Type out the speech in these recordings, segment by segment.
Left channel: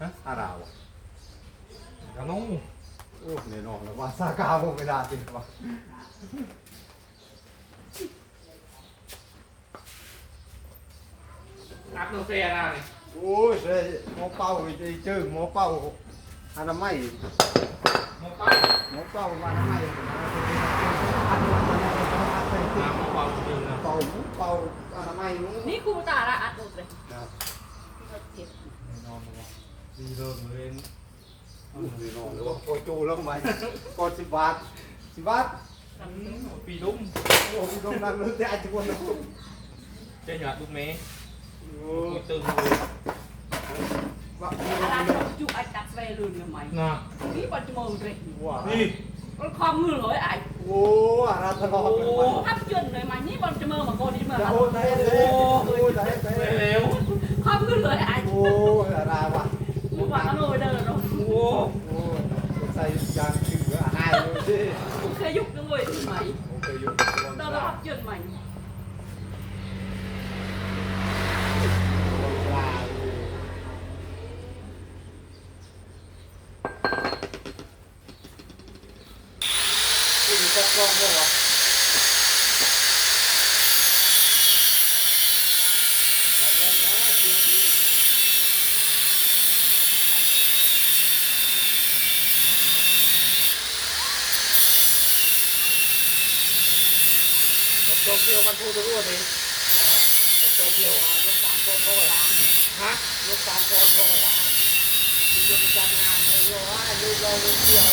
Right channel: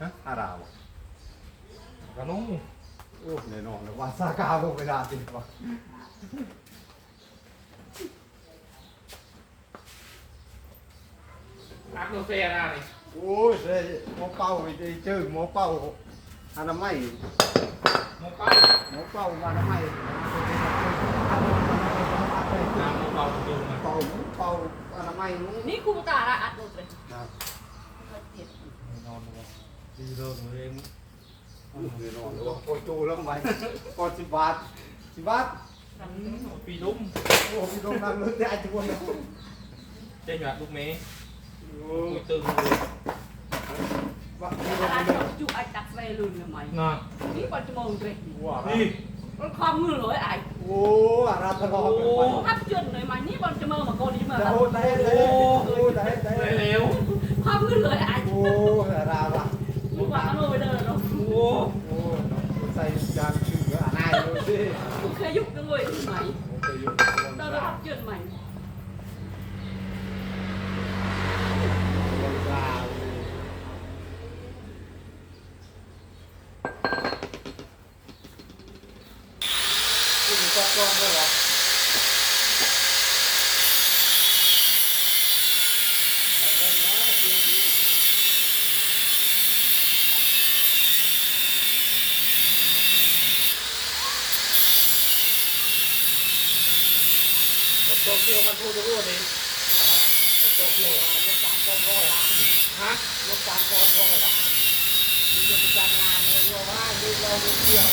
ฮะอาราวกระนุ่งโอ้แน่นอนแล้วว่าซากาวเวลาติดว่าอัพโนเฟียนะนี่โอ้ยเฮ้ยหมอเป้าไปเจอหมอเป้าอนามัยหมกเป้าหมอเป้าอนามัยนะอันนั้นมันเป็นอันเป็นน้ำเป้าจริงนะเป่าเป่าอนามัยนู้นนี่ครูตาละอัดลงเลยนอนเลย ดีเริ่มเลยนอนแล้วก็จูแล้วไหมกดสิบบาทสิบบาทปีลุ้มโอ้ยตรงนั้นเลยแต่อาจจะวนเจ๊หยาดลูกเมย์โอ้คุยตึงเลยว่าจุกไอ้ตัดไปลืมทำไมน่ะนี่ปัจจุบันเลยว่านี่มันคอมมือเลยไอ้โอ้อาราธลอโอ้ทับจนเลยมันนี่บอลจะมือมาโกนี่มาโอ้ได้เลยโอ้ได้ได้เร็วคอมมือเลยไอ้โอ้อาราว่ะลูก ว่าอโนเดินเนาะโอ้โอ้ใส่ยางขึ้นเยอะอายเลยสิเคยยุกด้วยไหมโอเคอยู่เดินทับจนใหม่คุณก็กล้องด้วยเหรอ ตกเดียวมันพูดรู้ดิตกเดียวรถสามกองก็ได้ฮะรถสามกองก็ได้ที่จะจัดงานเลยว่าลูกเราเดียว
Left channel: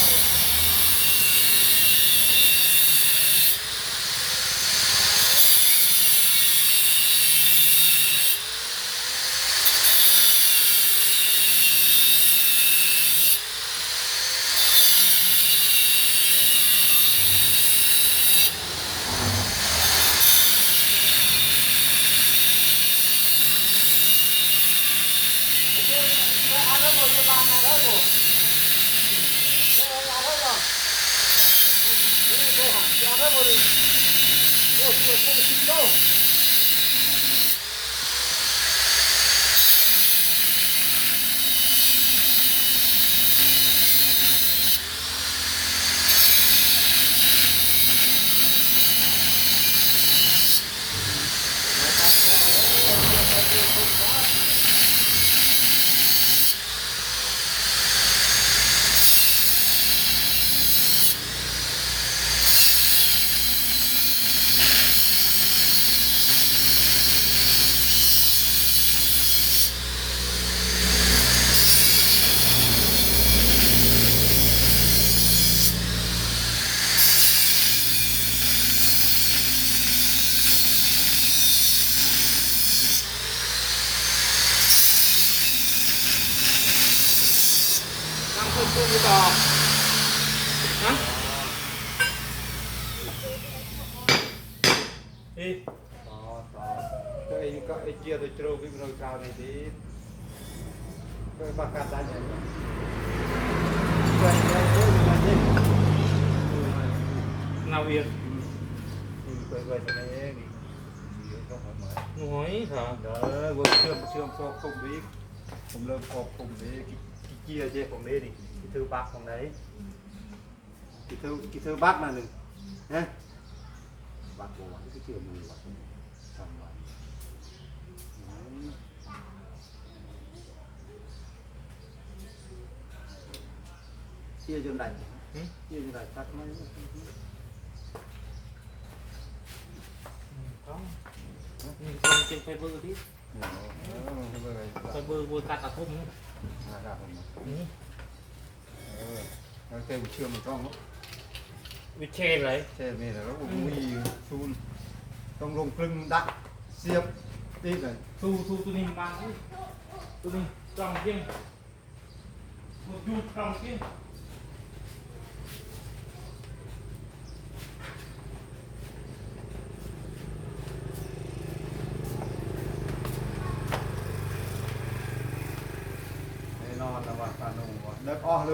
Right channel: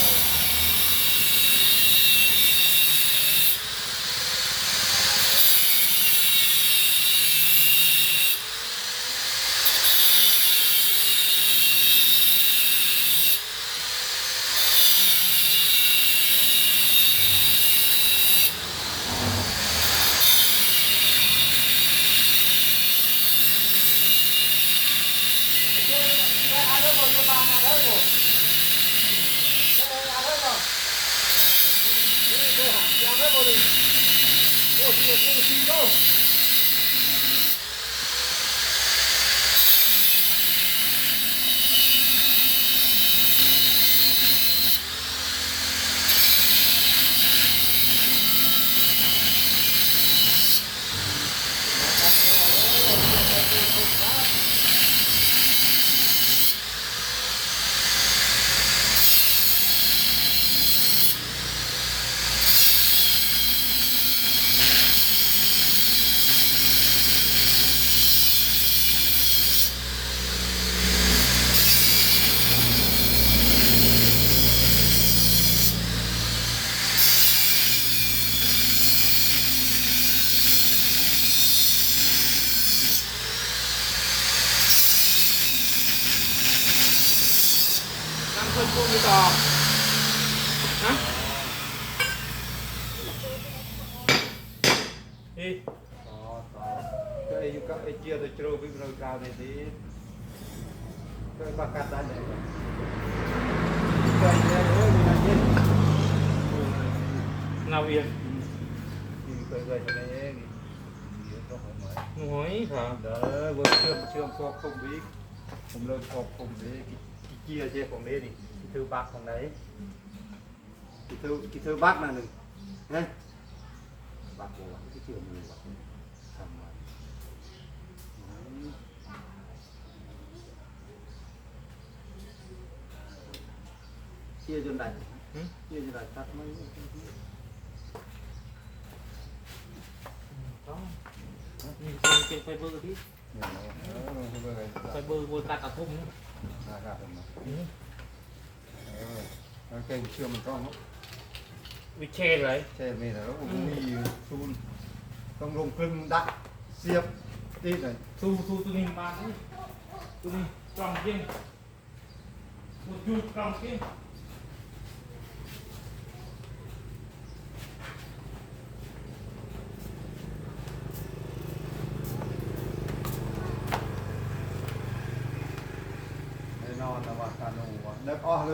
น้ำขึ้นตู้อยู่ต่อฮะเฮ้ย ต่อต่อก็ไอ้ก็ไอ้เกียร์ตัวโจรวิ่งเราจาวในที่ก็ประกาศได้เลยก็เนี่ยเรื่องนี้เนี่ย นาเวียน นี่เคยเคยทำเองนี่เดี๋ยวต้องหาหมายหน่อยค่ะเด้อเวิร์กเชื่อมเชื่อมครอบคลุมวิกผมเริ่มครอบคลุมวิกกี่เกียร์เจ๊ผมนี่นี่กี่ถือบักของไหนกี่ถือกี่ถือบักมาหนึ่งฮะบักโบวันที่เชื่อมือวัดทำไว้ เชี่ยจนได้หึเชี่ยจนได้ตัดไหมต้องมีคนเป็นไฟเบอร์ดิเออไม่เป็นไรไฟเบอร์บ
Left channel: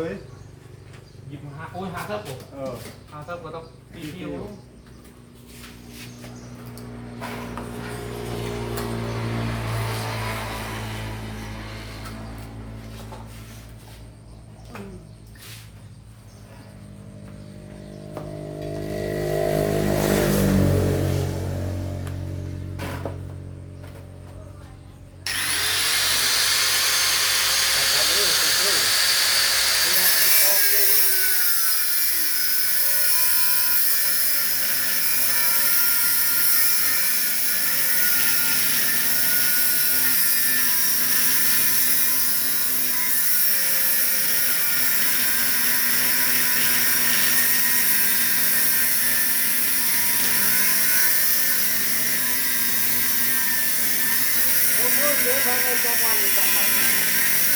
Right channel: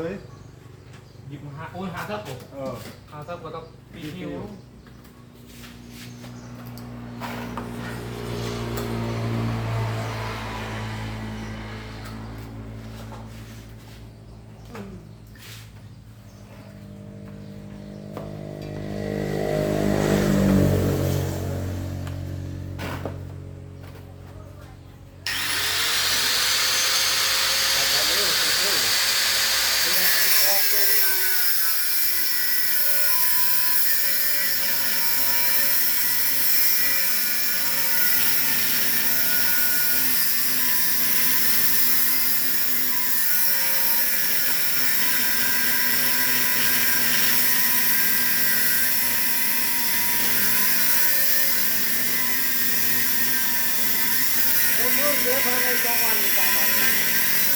เล็บออกเลยหยิบหาโอ้ยหาเท่าผมเออหาเท่าก็ต้องปีคิว ดูภายในจังหวัดนี้จังหวัดเวลาตัวมึงนะ เราไปเจอเอง เว ล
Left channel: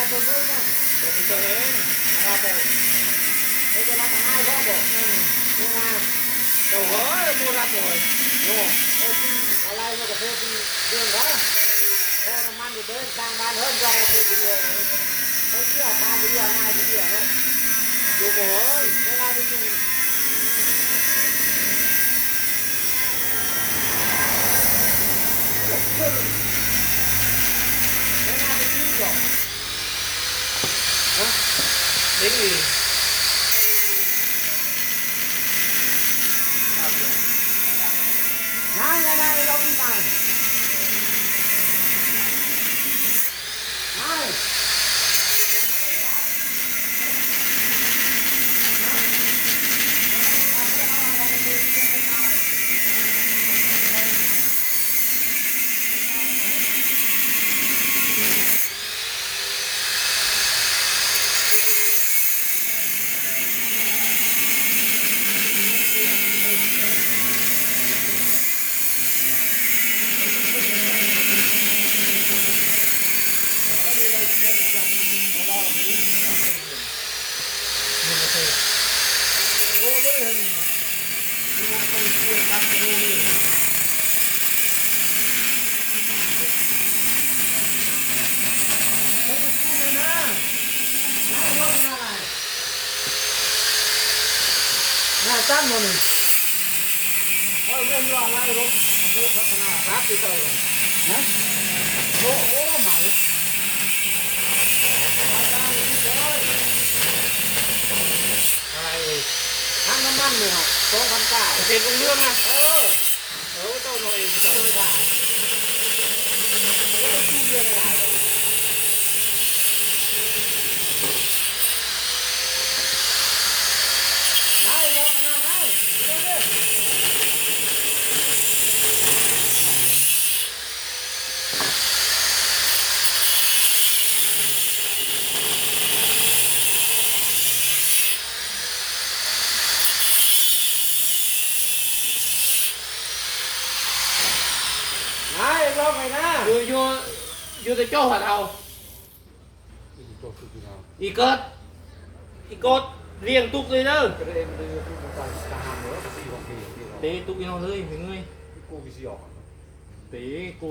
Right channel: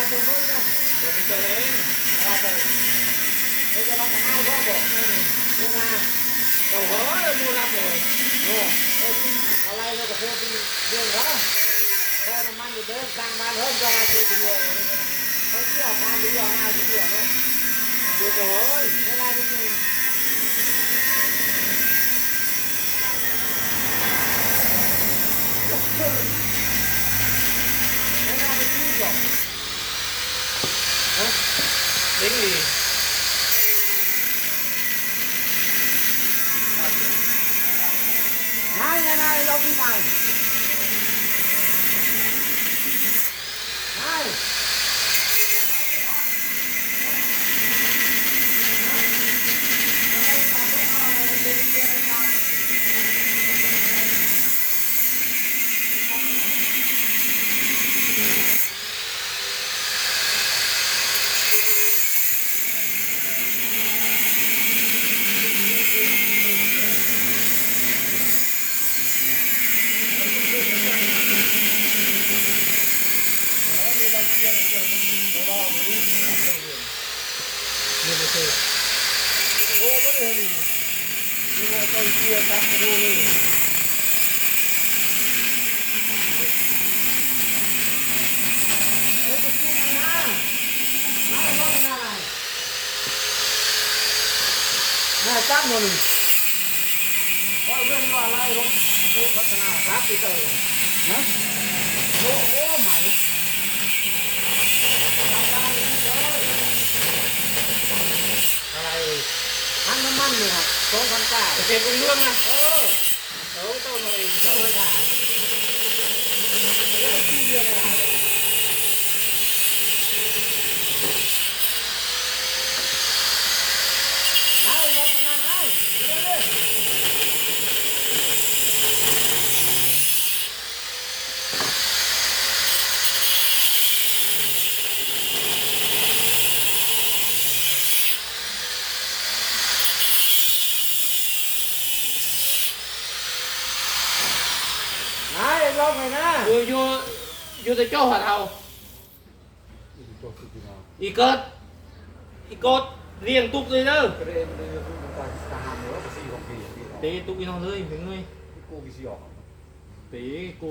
าตัวเฮ้ยจะรับมาให้พ่อบอกดูมาเราเฮ้ยมูรับเลยโอ้เอ้ยอะไรเนี่ยก็เพื่อที่เรื่องวะพอน้ำมันอยู่เดิ ง่ายจริงหรอก เด็กนี่ ง่ายง่ายง่ายเราไม่ตายง่าย นี่ไม่ใช่โอ้เลยนี่นี่ว่าไปเชื่อตามดูนี่ ง่ายจังเลย โอ้ยเรื่องว่าอะไรรถรถพัฒนาครับไปเจอเลย ฮะ โอ้โหไหมอะไรเอ่ย ทั้งน้ำมันเลยครับสองพันเก้าจะเป็นเรื่องนะเออเออต้นเราเองจะไม่ได้ไม่ได้ที่เรียนอะไรง่ายง่ายง่ายเร็วเร็ว ง่ายบอกเลยนะ อยู่อยู่ อยู่แต่เจ้าหัดเอาอีกเกิดอีกกดเรียงตุกเลยเด้อจะได้เอ็มเลยคือมันการทหารเหนือภาษีของปีที่เราเตะตุกอีนอนเลยเป็นไงกูกิสิออกเตะกู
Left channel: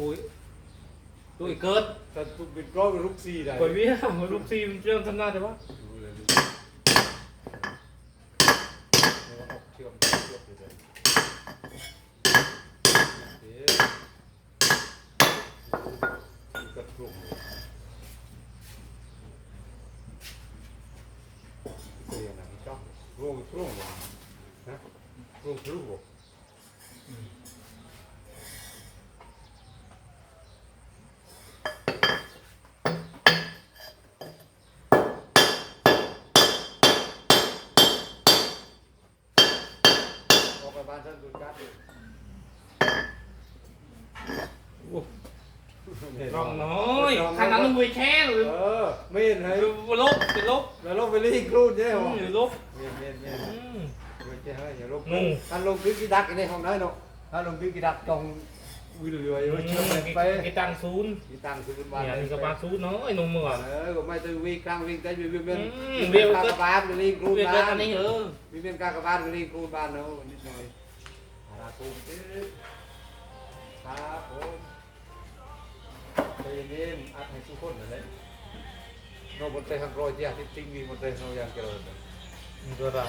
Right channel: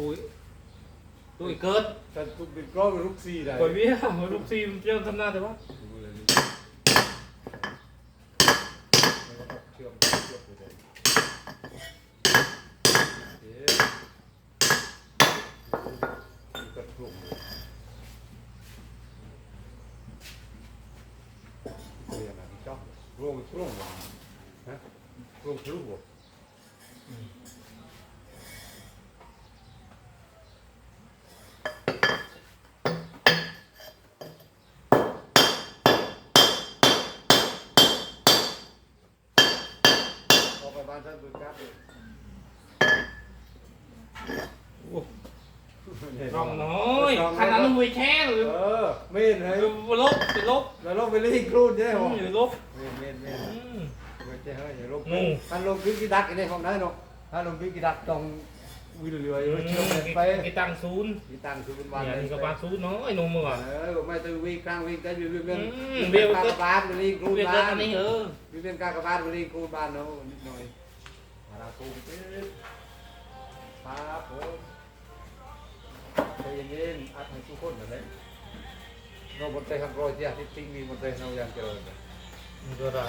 ตุกอีกเกิดแต่ทุกเป็นก้อนลูกซีได้ปล่อยเบี้ยลูกซีมันเรื่องทำหน้าแต่ว่าเชื่อมเชื่อมอยู่เลยเอ๊ะกระทุ่มเรียนอะไรจ้า ร่วงร่วงว่ะฮะร่วงทะลุออกไปบ้านท่านดูจัดเลยร่องน้อยขนาดนั้นมวยแข้งหรือเออไม่เห็นเลยลบเป็นลบแล้วลงไปรีกรูดใช่ไหมหรือลบ เย็นเย็นเย็น อืม ไม่ใช่เฮ้ยอย่าลงงูถ้าลงพิกิดักในห้องนั้นเนาะถ้าลงพิกิดักตรงวิลเลียไว้เชื่อมไปกีตังศูนย์มีตังค์ซื้อเป็นวันเนี่ยนี่ก็บาศูนย์น้อยนมมือเออก็ไม่ต้องวิ่งกลางวิ่งกันวิ่งวิ่งอืมวิ่งเบลกาก็กบาลรีกรูดเวียเกิบ้าดอันนนี้เออวิ่ง กากบาลรีกรูดบ้านเนาะนิดหน่อยอาราคูมจิ๊ดครับผมใจเย็นๆอัดให้ทุกคนเลยเราบนใจข้างรอยที่อาทิตย์จริงมีบนใจเราอย่างเจริญมันก็ได้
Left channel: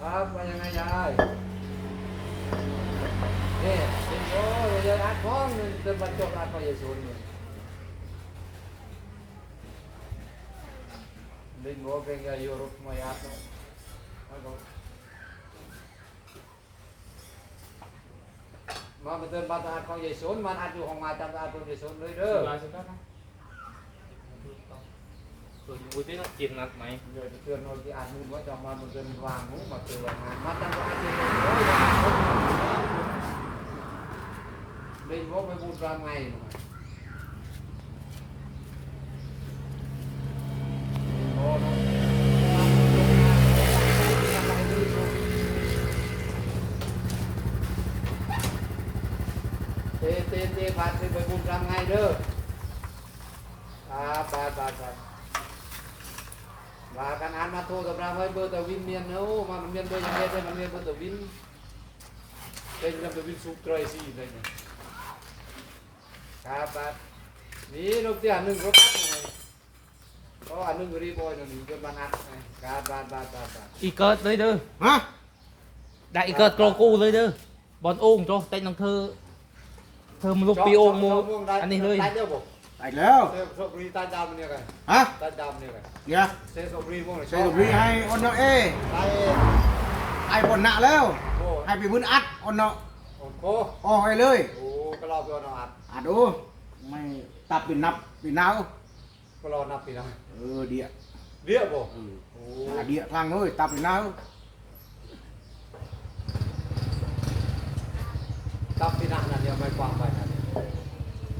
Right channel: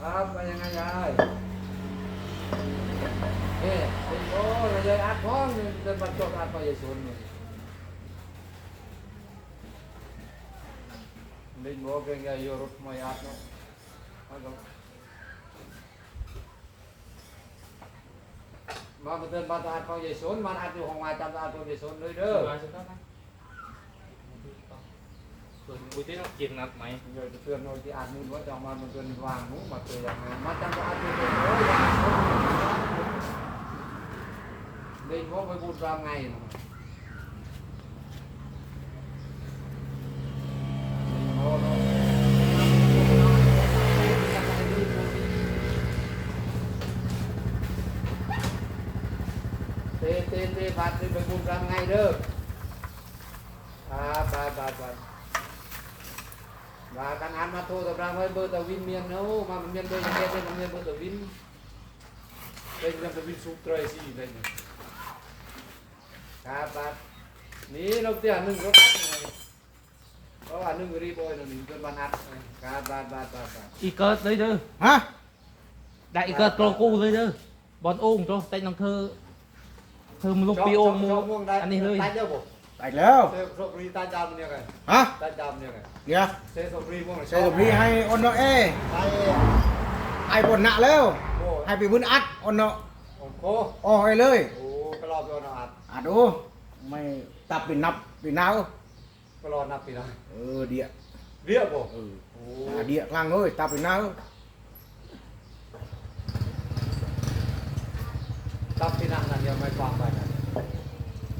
ครับไปยังไงยายนี่เป็นโอ้ยยายอัดพ้องนี่เป็นบรรจบอัดไปยายชนนี่เป็นโมเป็นยายรถมาอัดเนาะมาดูมาเป็นบรรทัดของยายชนมันอัดอยู่ห้องมาจำอัดของยายชนเลยเด้อ ส่วนกูจะต้องกินนัดไหมเดี๋ยวจะเตือนหน่อยที่อ่านนู่นว่าจะมามันเป็นวางนู้นมาเจออย่างงานมาจำอัดอยู่เลยโอ้ยเล่นวกไปบุญรามไงเนาะโอ้โหเตะเตนเตพัดไปบุญทำไงเด้ออ่าไปไปไปว่ากันหันมาโทรตำรางไว้เบอร์ตะวินเมียนเนาะ มาเมียนเบอร์ยังเมียนเบอร์เมียนเบอร์ตะวินเป็นยังตะวินสุกเตยสิเลยเนี่ยครับครับนี่นกเตี้ยหนึ่งก็คัดเพราะว่าหนึ่งก็รีบอยหนึ่งจนบรรทัดไงครับครับครับครับครับอีเกิดเลยเด้อฮะได้อีเกิดโกลกูเลยเด้อ บอลโอ่งโจเต้นน้องเธอเธอมึงลูกปีโอ่งมูอันนี้เลยตายเด้อผม ไปแล้วเซฟรีตายดำเนี่ยไงฮะตายดำเนี่ยไงเดี๋ยวเซฟรีพวกใส่กับพี่ให้ออนเนาะเอ้ตายไอ้บนหน้าแล้วโอ้ให้ไปบุญอัดออนเนาะโอ้โหออกให้เลยโอ้ก็รอไปเอาอัดอัดดูไม่ตับเป็นนับเป็นนาวก็รอนับปีนะเออเดียเรียบบ่เออโอ้หาเดียคลังเลยตับเป็นนาวตับปีนักนั่นยังไม่ความบ้านนะ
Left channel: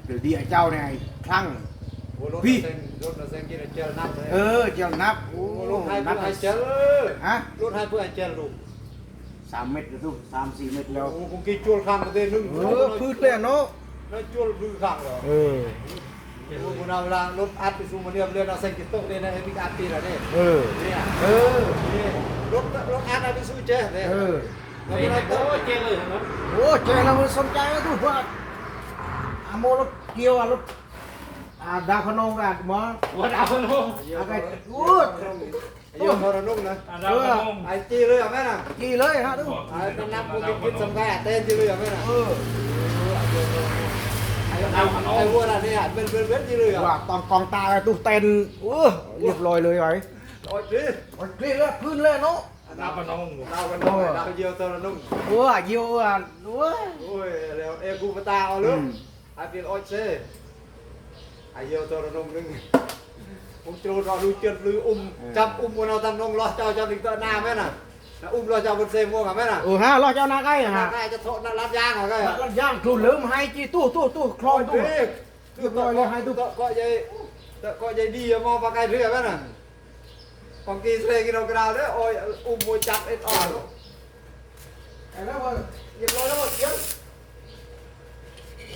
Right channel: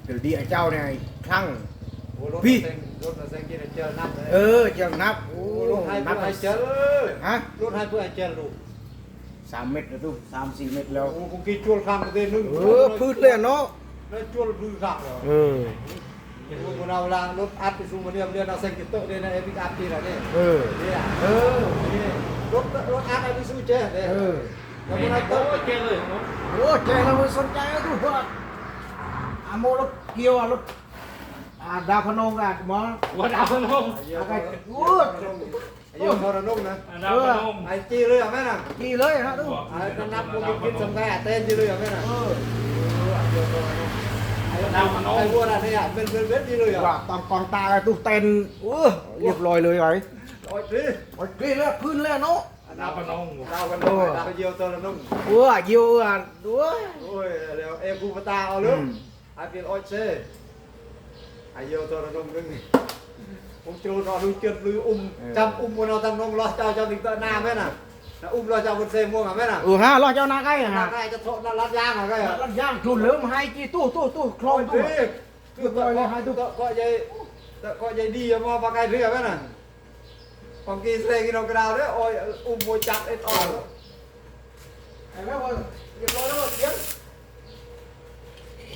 เดี๋ยวเดียเจ้าเนี่ย คลังโอ้รถพี่เส้นรถเส้นกินเจลนับเลยเออเจ้านับโอ้โอ้รถให้นัเพื่บอให้เจลฮะรถให้เพื่อให้เจลลูกสามเม็ดแล้วทุกสามสี่เม็ดแล้วโอ้คงกินจวลข้างกันนึงเออพืชเลยเนาะแล้วจวลพืชข้างเหรอเออโอ้คนเราลังรถอัดไปสู่มาเรียมเรียนเอาเส้นกินเตอร์เรียนอะไรพิการปีละเนี่ยเออเนี่ยเออรถรถอัดเอาไปสู่เจเนี่ยเออแล้วเฮ้มันเอาโอ้เตอร์เจ๊เลยครับโอ้เจเราสนใจนะทุกว่าอาโมรถเกียวอะรถ อ่าดาวพนองกันหมอหัวดาวพนมเยอะเลยโอ้ยเยอะเท่านั้นนุ่มนะดาวพนมไอ้จีเลยอะแม่น่ะกี่เลยฮะทุกไอ้เป็นนับกูกินสำคัญเต้นจีเลยอะแม่น่ะเออไอ้ดาวขนมไอ้พวกนั้นเนี่ยเป็นเป็นเป็นจีเลยอะว่าตอนกองตาตู้เต้นโอ้เรียบร้อยเลยไอ้โอ้ยจีวันกรีเลยพื้นเลยเนาะดาวพนมดาวกันนุ่มดาวเยอะเท่านั้นนุ่มโอ้เยี่ยวอะโอ้ยโอ้ยแล้วเอ้กูมาตาเอาเลยไอ้เป็นโอ้ยเช่ไอ้เยอะเท่านั้นนุ่มนึงผมจูรอดูเกินลืออุ้มจำอุ้มบนเอาตั้งน้องรอเจ้าเจ้าดึงตัวหน้าแม่น่ะอุ้มรอเจ้าบนเซม่วงอะแม่น่ะเออฮะรอเจ้าหน้าใกล้ฮะใกล้จะโทษรัดยางอะใกล้อะแล้วย่างครูเหลิมให้กี่ตู้ตู้ตู้คลโอ้อยยตู้พี่คือก็ก็ให้ทุกก็ใหญ่ก็ใหญ่ดีมอปากไก่เรือแม่น่ะบางทีเสกเรากราวเนี่ยโอ้ยอุ้มมวยจับเอ็ดอ่อน เห็นไหมว่า เรียบร้อยแล้วเดี๋ยว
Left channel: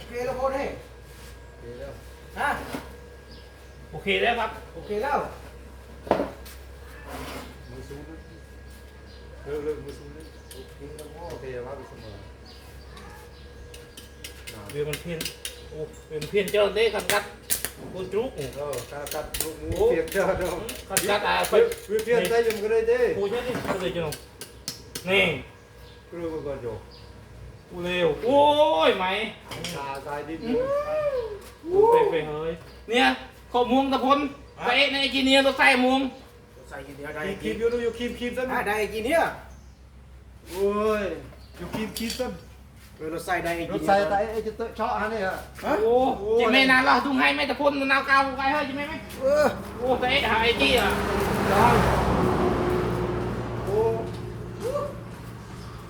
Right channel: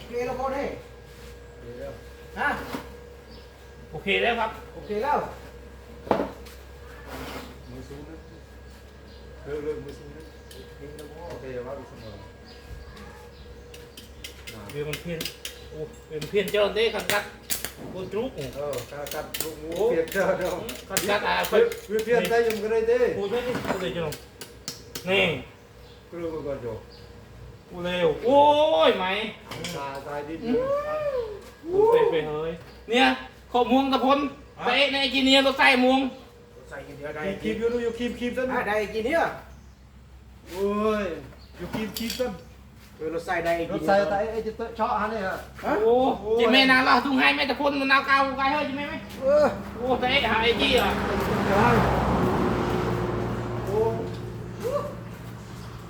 เกล้พอดีฮะ โอ เคแล้วครับ โอเคแล้วมือสูงเรื่อยๆมือสูงโอเคว่าดีเสมอเรือมันเพี้ยนโอ้เป็นเพี้ยนเจ้าเด้ขันกัดกูจุกเออถ้าตัดลูกหมูเปียกเด้อเด้อขันกัดอะไปเปียกเปียกได้ยังก็ได้เด้กูช่วยดิกูเลยจ้ะนี่รู้ก่อนโยกูเร็วโอ้ยไหมตายตายดิกูไปไปเฮ้ยเนี่ย ขอบม่วงตะพนไปในจีเนียตัวใส่ม่วงใส่กี่เดียวได้คีบอยู่ดูอยู่คีบคีบซะได้ได้กี่เดียวโอ้ยอยู่คีบคีบซะเออเราใส่ได้รกี่ถเดียวใส่แต่ไอ้จะเชาะฮะเนี่ยโอ้จีแม่นางเราทุ่งให้แม่ตะพนนาวเก่าไกลเฮ้ยจีแม่ไหมเออโอ้แต่หาไอ้จี้อะโอ้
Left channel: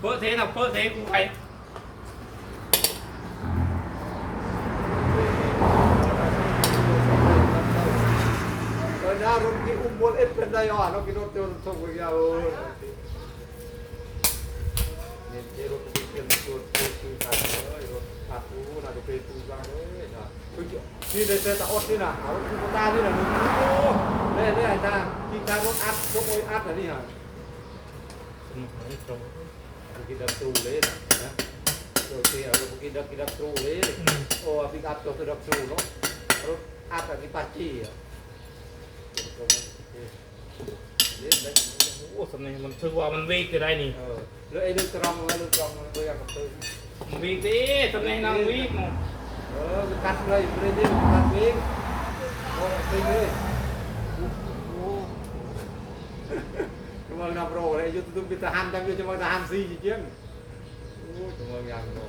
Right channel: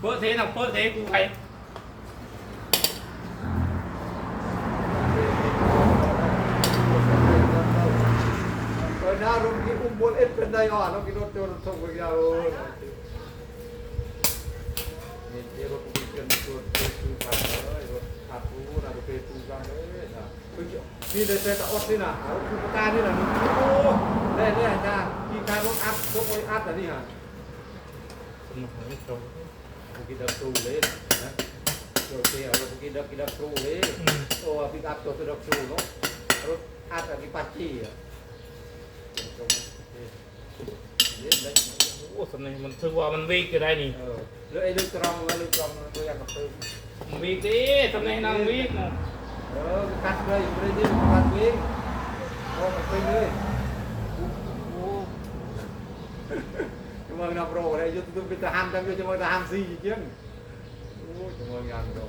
เปิดเทน่ะเปิดเทกูไป เออหน้ารถที่อุ้มบนเอ็ดเป็นไดอ่อนแล้วกินรถจนส่งไปยาวนี่ที่รถที่เป็นตัวตัวคือขาดเลยรถขาดตู้นะรถเป็นตู้บ้างเลยนะนี่ได้แต่อดนี่นะ โอ้เนี่ยเนี่ยนะกินการรถอัดรถโอยอัดอะนี่ฮะผมหอยตรง Pergi dah tu le. Ha. Okey, kalau pergi dah pergi dah tu le. Oh, pergi kat tu dah tu no. Kalau ada di paci ya. โอ้สำเนียงมันถือว่ามันวีกก็ได้นี่ Eh, le ini terang le terang le yang apa. มันวีกดิสำเนียงนางวีกมั้ง Eh, kat le beri ni kat ni. Oh, apa ni? Oh. Cuma nak bro, le yo tu kita han tapi cuma tahan si je. Oh, cuma ngam bro.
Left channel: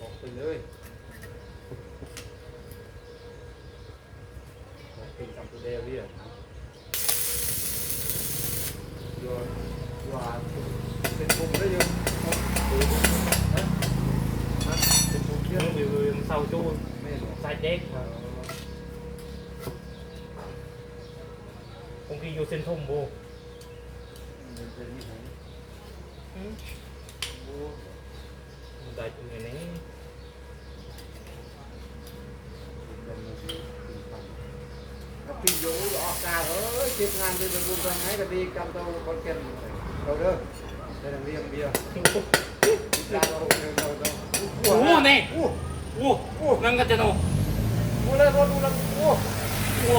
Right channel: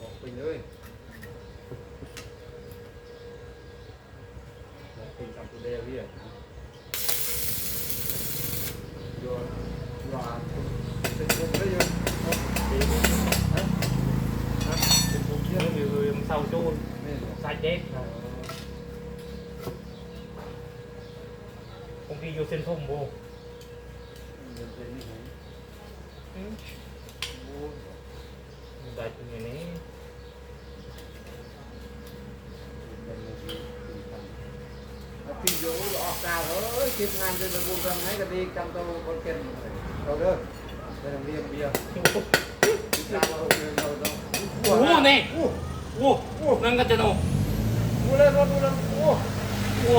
Một bình ơi Một bình xong tôi đeo đi à Vô Vô à Cái cung đấy vô Không Đi Hả Hả Cái cung มัน chứ อยู่มันเศร้าจูน Nè สายเด็ก Ờ. เส้นทุ่มโบ เป็นนี่ไง อืมโอ้มันได้ตรงนี้ เป็นในที่ที่ฟัง ก็ พี่โยออกกาวเอ้ยคิดงานเป็นบุญกันให้กับดีกำตัวคนเก่งเอาเด้อได้น้ำเลี้ยงเบียร์คิดงานเราเราเราโอ้โหนี่โอ้โอ้โหนั่งกันจะโนโหเลยรถดูแล้วโอ้โอ้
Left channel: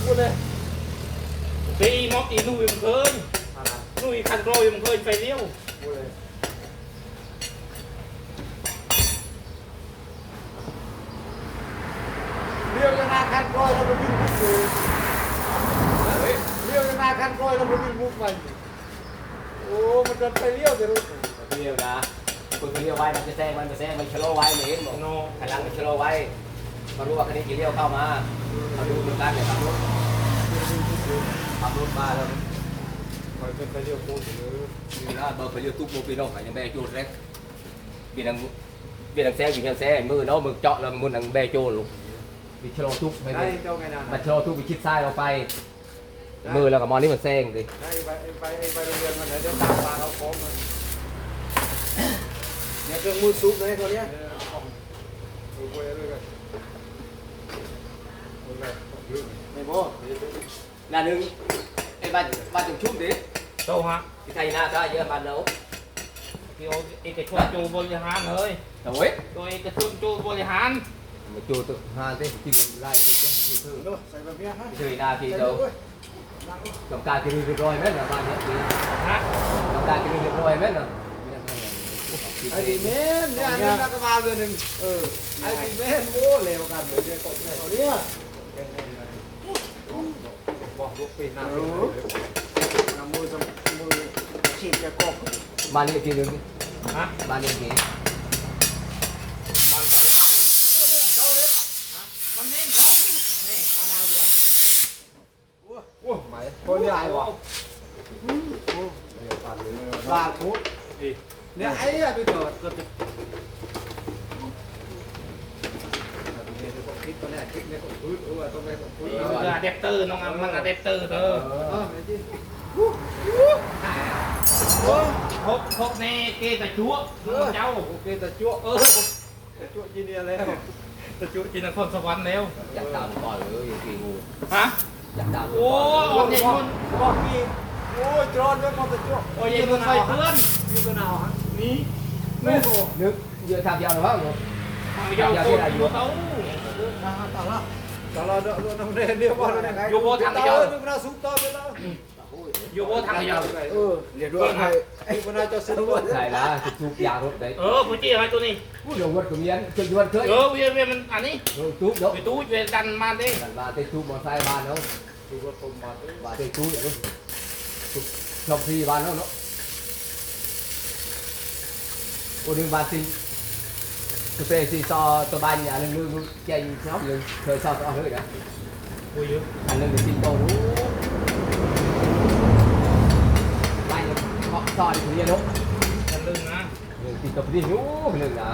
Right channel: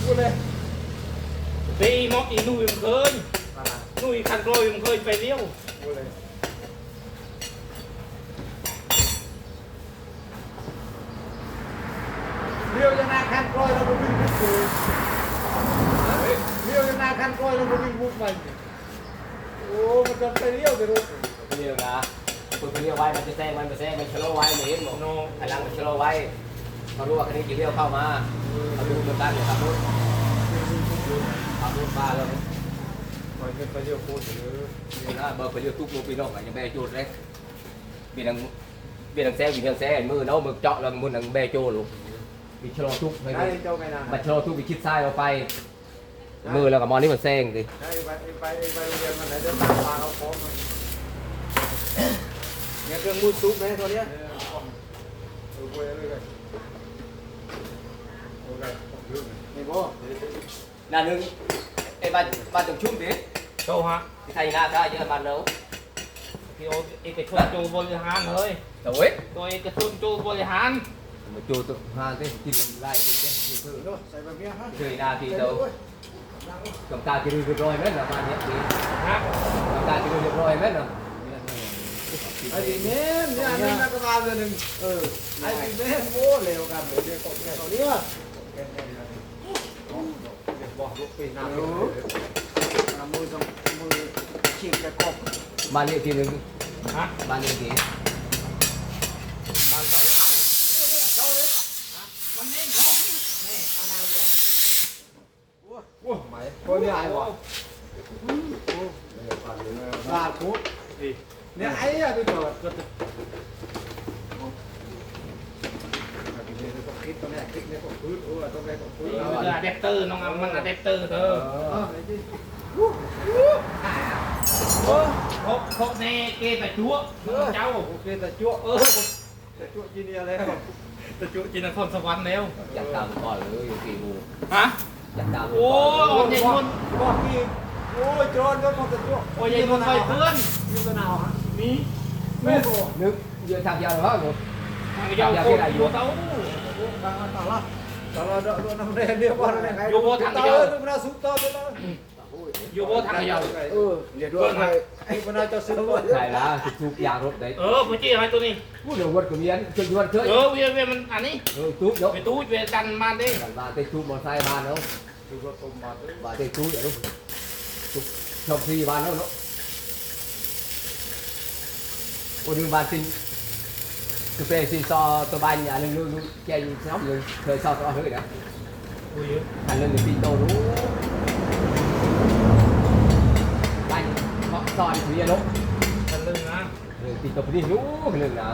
โหเลยไปมอกอีนุ่ยมันเคยนุ่ยคันโรยมันเคยไปเลี้ยวโหเลยเลี้ยวยังไงคันกล้อยเราไม่วิ่งมุกอยู่เลี้ยวยังไงคันกล้อยเราไม่วิ่งมุกไปโอ้มันจะไปเลี้ยวไปรถ เรียวนะ คุณเรียวไว้มันจะแซงมันจะแซงมันชะลอไว้เลยเห็นบอกพลังมันชะลอไว้เขารู้ว่าคันนี้จะเลี้ยวเข้ามาเขาดูเหมือนกันเลยขับรถขับรถมาแล้วมันเป็นไปเลี้ยวโคตรเลยมีนะเบอร์ไปเลี้ยวตุ๊กโมปีนอกยังแม่โจดเลยเบียดังเบียดังแซงอยู่เบียดังแซงมือเนาะมือเจาะแล้วมือนังแบกโจลูกวิชะลอทุกไปได้เจ้าไงนะมันชะลอทุกวิชิดซ้ายเราไป มือแล้วกับมอนี่มันแซงดิไปไปไปโรงเรียนมันไหนเดี๋ยวตามมาเอาของม เนี่ยเครื่องมือซุปไหมตัวเนี้ยเออของเออเว้ยเลยกันโอ้ยของเยอะเลยนี่บ่นั่นนึงไอ้บ้านบ้านถึงชุ่มดิโตฮะที่ไทยนาค่าเยอะมันแล้วที่เอาเอกชนจูบริหารเลยแต่เว้ยตัวเอกชนจูบริหารมาจูตัวหาเต้กินไล่ที่เต้ที่คือเดี๋ยวใส่แบบเนี้ยฮะเคยนาทีเดียวกับการจะเรียบร้อยไหมเนี่ยบ้านเนี้ยฮะกับการจะเรียบร้อยไหมเนาะ ไอ้ดีเมนเนี่ยอันนี้นักมาเดือนหนึ่งเออไอ้ดีเมนโอ้เร็วกันเดี๋ยวเดี๋ยวตกเนี่ยตัวเนี้ยบอกลูกปีหน้าเออมือจะมือฉีกไปกบบ้านนี้ทีนึงฮะบ้านนี้ทีมันเขามันนี่เขานี่โอ้ไหมคนใหญ่วะลาทุก เนี่ยไอ้อะไปเกิดก็จะคลิปตัวเนี้ยคลิปเนี้ยของพื้นโอ้ตัวเนี้ยของพื้นเอออะแดปเตอร์น้องมันอะแดปเตอร์เธอเออไหนดิพกพกในเกตะจั่วน้องเจ้าโอเคแต่จั่วเออแต่จั่วจีเนียแล้วตะจั่วจินครสวรรค์แล้วอยากตามก่อนหรือยังกี่งูฮะอยากตามโอ้ยเย็นมันบอกนี่โอ้ยจอนก็มาแต่จั่วโอ้ยเย็นมันไฟเพื่อนอยู่กันเอาฮะ นี่โอ้โหนึกเยอะทำยาวหรือเปล่าทางยาวโคตรอยู่เต้าตลอดเดินน้ำเรียนเรียกว่าอะไรไงดูน่าสุดต่อไปแล้วอยู่โบทางยาวเออเรียกว่าไงไอ้คนน่าจะซื้อก่อนใช่ละจะทุกอย่างรถได้เออพี่จี้อะไรตัวนี้พูดเดี๋ยววัดกับเมียนจนวันเคยเออเวียเวียมันอันนี้เออทุบเนาะไปตู้เวียดันมาดิกันมาเตะทุบมอไซค์บ้านแล้วดูว่าผมมาบ้านเตะทุบอย่างนู้นทุบชอบซีบ้านแล้วเนาะโอ้ดึงบ้านซีกูเซ่ซีซอตัวบ้านอย่างนึงนึงแกยิงชอบนึงเคยชอบตัวเลยนะโอ้ยเยอะอันนึงเป็นซีโตรู้บ้านเขาตอนถือยานุกันลึงนะหนึ่งซีโตพี่รู้หนึ่งนะ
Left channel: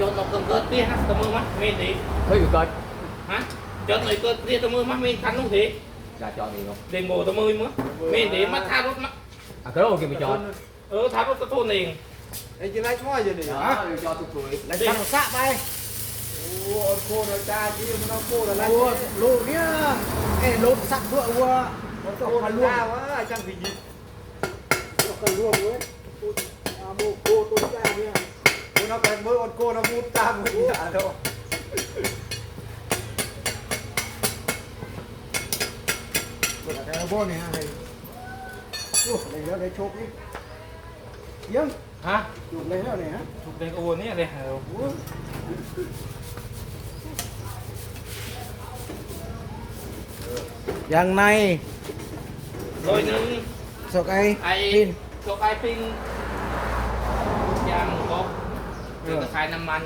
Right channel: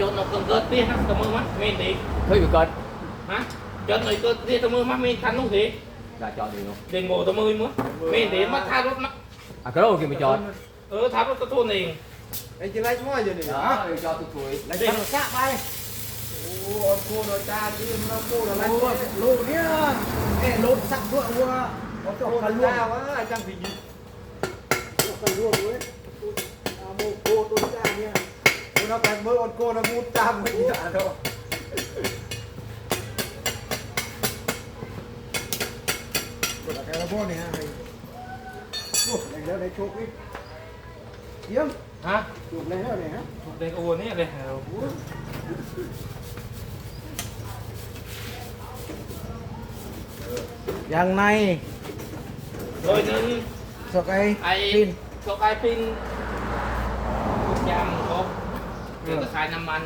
จนเราเกินเกินเตี้ยนะตะมือมั้ยเมนดีเฮ้ยเกิดฮะจนหน่อยเกินเตี้ยตะมือมั้ยเมนคันนุ่งทีอย่าจอดดีเนาะเด้งโบตะมือมั้ยเมนดีมาทารถนะอะก็เราโอเคไม่จอดเออทารถกระทุนเอง ไอ้จีไรมั่วอยู่นี่อ่าฮะจอดสวยเด้งกะไปโอ้โคโนตาที่มันเอาโคอะไรลูกเนี่ยไอ้ลูกสักด้วยว่าเขาจะกันล่วงว่าจังผี เรากันล่วงเว้ยอาโมโคตัวจ้าเนี่ยคุณเอาไปเมื่อวันโคนะมูตามมึงอะเนาะแต่ละบ่เนี่ยไอ้โอ้ในแล้วในโชคนี่เยี่ยมฮะอยู่ในแล้วเนี่ยฮะถูกเด็กโอ้เนี่ยเลยเหรอยังในโดยหนึ่งสกไอไอ้ตกไอ้ปินทุกอย่างครบเกี่ยวกับขายน้ำมัน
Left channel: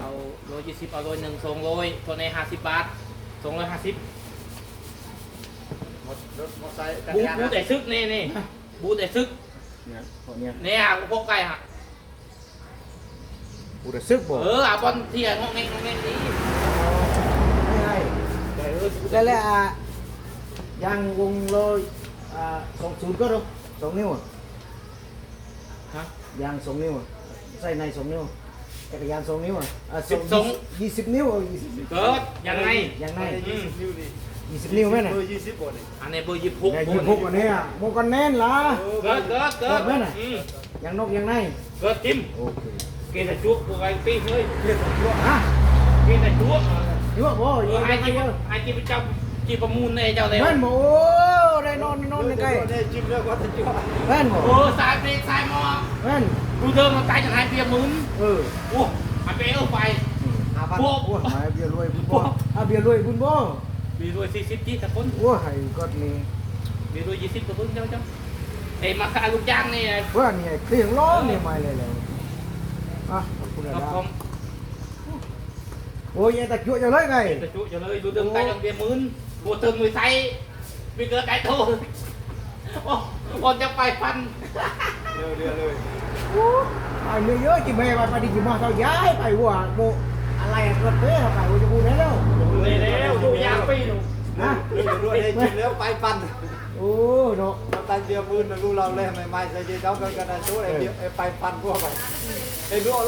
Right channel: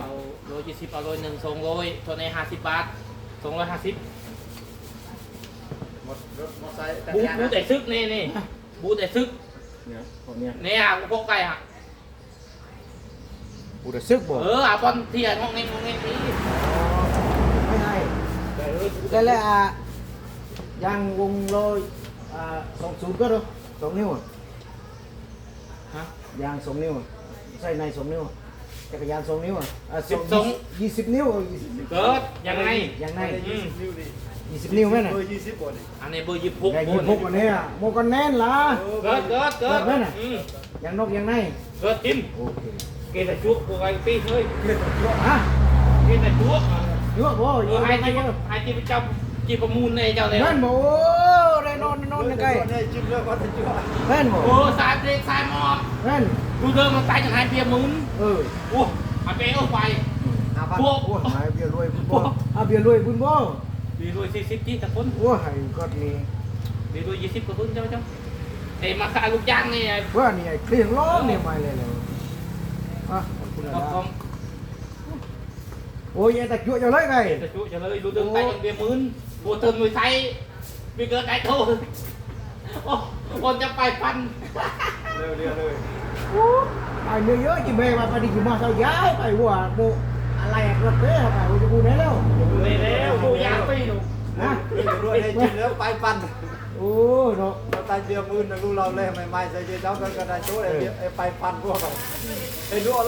เอาโลยี่สิบเอาโลหนึ่งสองโลตัวในห้าสิบบาทสองร้อยห้าสิบหมดรถมอไซค์บูบูแต่ซึกนี่นี่บูแต่ซึก เนี่ยของเนี่ยเนี่ยพวกไก่ฮะกูจะซึกบ่เอออาบอลเทียนงงเงงงงเงงนี่ไม่ให้แต่เออได้แล้วอะยางวงโลอ่าสองศูนย์ก็ดูสองนิ้วอะฮะยางสองนิ้วอะใส่ในสองนิ้วจักรยานสองนิ้วอะอะสิบสองยี่สิบนิ้วเอายี่สิบเกิดยังไงยางในอืมนิ้วนี่ ยี่สิบนิ้วไหมน่ะเบอร์ยี่สิบบนอันนี้เบอร์ยี่สิบหกแต่บยี่นสิบหกอันเนี้ยโมกันแน่นล่ะเกิดเกิดเกิดเกิดไหมน่ะอืมยางนอกยางในเกิดจิ้มโอเคเกตจุกพวกไอ้ปีเฮ้ยเรียกว่ายั่วฮะเกตจุกยั่วบ่เอยั่วอไอ้ไอ้ที่ที่ไอ้ที่ไปจับจีประมูลในเจ้าเลยแม่นบ่โอ้ได้นอนได้นอนยังไงได้จิ้มแล้วก็จะจิ้มแม่นบ่โอ้สายเด็กสายหมอกแม่นดูเดิมมันตายจากหายเปียมุนเออโอ้หายเปียเอาไปห้าพันพวกโอ้ยหายเบียร์รวยบุญบ่อาเบียร์รวยบุญบ่ มีรวยสี่สิบจีตะคนโอ้ยก็นี่มีรวยยี่สิบกว่าคนจ้าจ้าไอ้มาขายลูกจ้างนี่ไอ้เพื่อนนี่เครื่องล้อนี่มาเลยเลยอะขอบคุณคนะรับผมโอ้ยแต่ชั่วจะเลยไงเกตจุจะเลยดูเดิมตายจากเปียมุนกูเติมมือไทยมีเกิดไก่โตโอ้คนจะไปฟันเร็วเร็วเลยโอ้ไปเนื้อเยอะจิเบไปไปดิจิมาเท่าย้ายไปหัวโบ อะไรก็เต้ไปหัวจะพูดได้แล้วเลยแล้วดูยางปีหนูนะเร็วรวยให้จิ้มแล้วไปปั่นโอ้เนาะเราตาเบียร์มือนะรู้เราเลยไม่ไม่จะเย็นเจ้ากันกันนะช่วยไอ้ไปปั่นพวกไปไอ้ดูเอา